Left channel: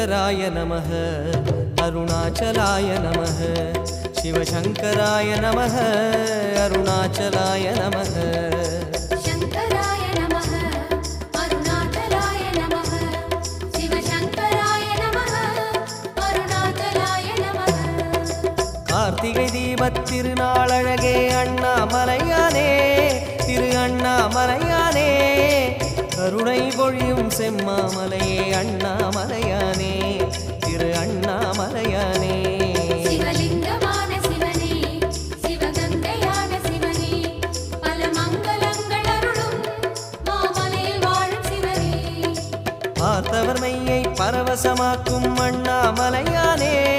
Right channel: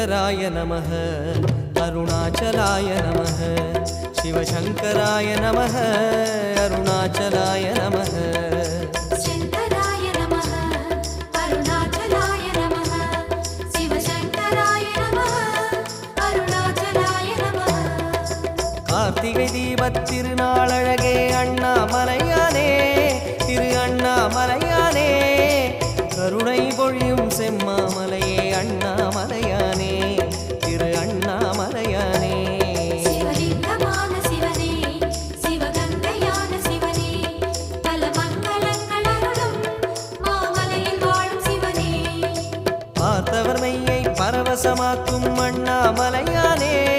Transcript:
शिवशङ्कराय नमः अरुणाचलाय नमः शिवशङ्कराय नमः अरुणाचलाय नमः शङ्कराय नमः अरुणाचलाय नमः शिवशङ्कराय नमः अरुणाचलाय नमः கார்த்திகை தீபத் திருநாளழகே அண்ணாமலையானே திரு அண்ணாமலையானே கருணை பொழியும் செம்மாமலையே அண்ணாமலையானே திரு அண்ணாமலையானே சிவலிங்கமான சிவனே சிவகங்கையான சிவனே பல மங்களங்கள் அருளும் மாமலையில் வாழும் சிவனே பார்த்தவர் மெய்யை பரவசமாக்கும் அண்ணாமலையானே